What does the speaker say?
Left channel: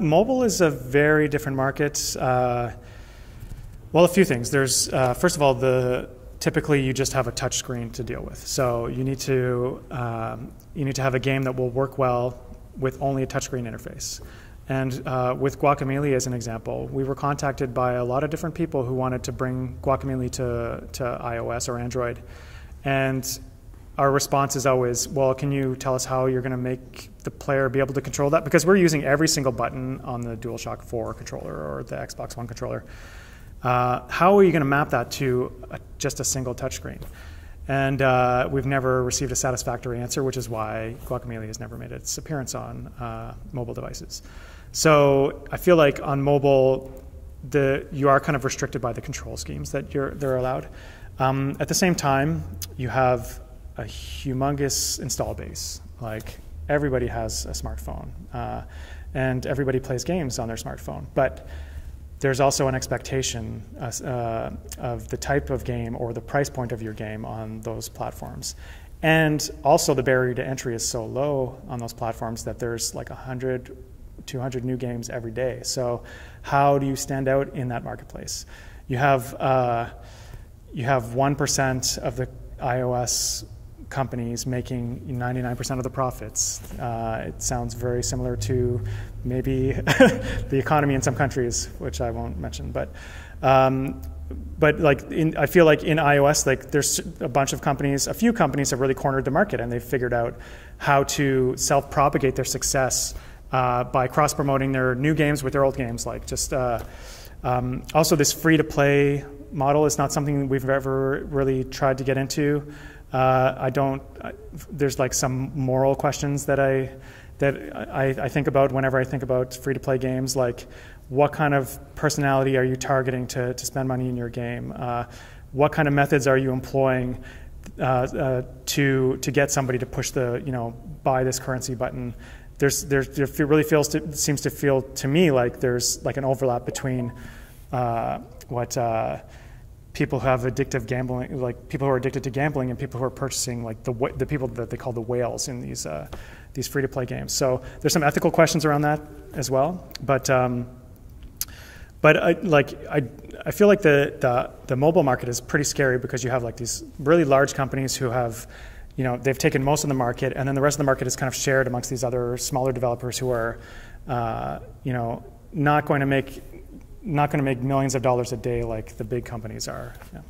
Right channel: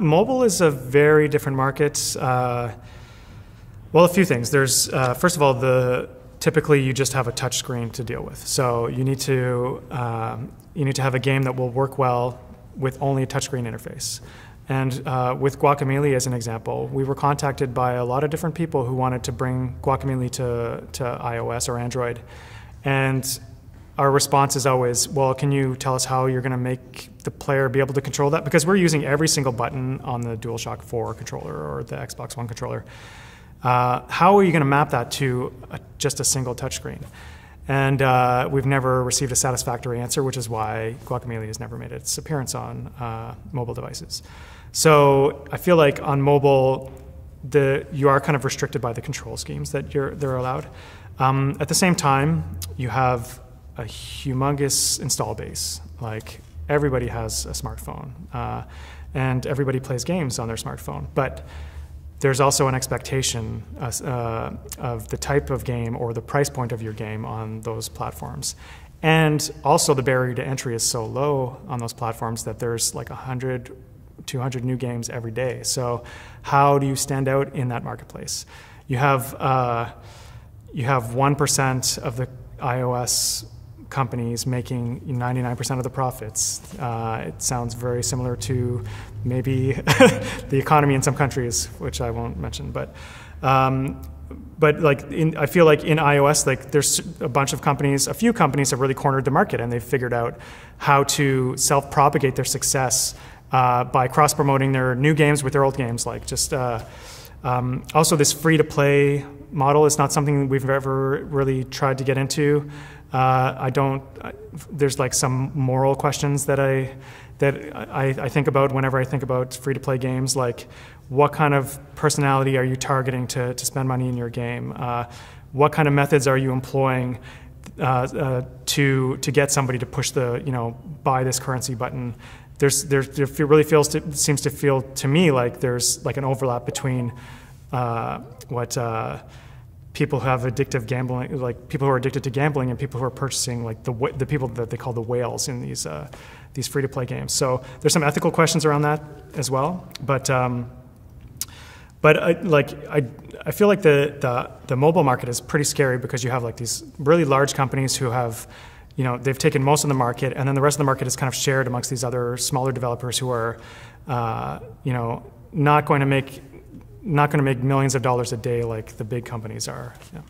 Mobile is a very different market. Well, a few things. There's first of all, typically you just have a touch screen to deal with. So you need to have a game that will work well with only a touchscreen interface. And with Guacamelee as an example, we were contacted by a lot of different people who wanted to bring Guacamelee to iOS or Android. And our response is always, well, can you tell us how you're going to make the player be able to control that? Because we're using every single button on the DualShock 4 controller or the Xbox One controller. How are you going to map that to just a single touchscreen? And we've never received a satisfactory answer, which is why Guacamelee has never made its appearance on mobile devices. So I feel like on mobile, you are kind of restricted by the control schemes that they're allowed. At the same time, you have a humongous install base. Like, everybody has a smartphone, and everybody plays games on their smartphone. But there's also an expectation of the type of game or the price point of your game on those platforms. And also the barrier to entry is so low on those platforms that there's like 100, 200 new games every day. So how do you stand out in that marketplace? You have 1% of the iOS companies making 99% of the profits. It sounds very similar to maybe the economy in some countries, which I won't mention. But like I feel like in iOS, like there's a bunch of companies, a few companies have really cornered the market, and they've figured out how to self-propagate their success by cross-promoting their new games with their old games. Like just also this free-to-play model is not something we've ever really tried to get into. There's like some moral questions that I think about whenever I think about free-to-play games, like what kind of personality are you targeting to spend money in your game? What kind of methods are you employing to get somebody to push the, buy this currency button? It really seems to feel to me like there's like an overlap between what people who have addictive gambling, like people who are addicted to gambling, and people who are purchasing like the people that they call the whales in these free-to-play games. So there's some ethical questions around that as well. But I feel like the mobile market is pretty scary because you have like these really large companies who have, they've taken most of the market, and then the rest of the market is kind of shared amongst these other smaller developers who are, not going to make millions of dollars a day like the big companies are. Yeah.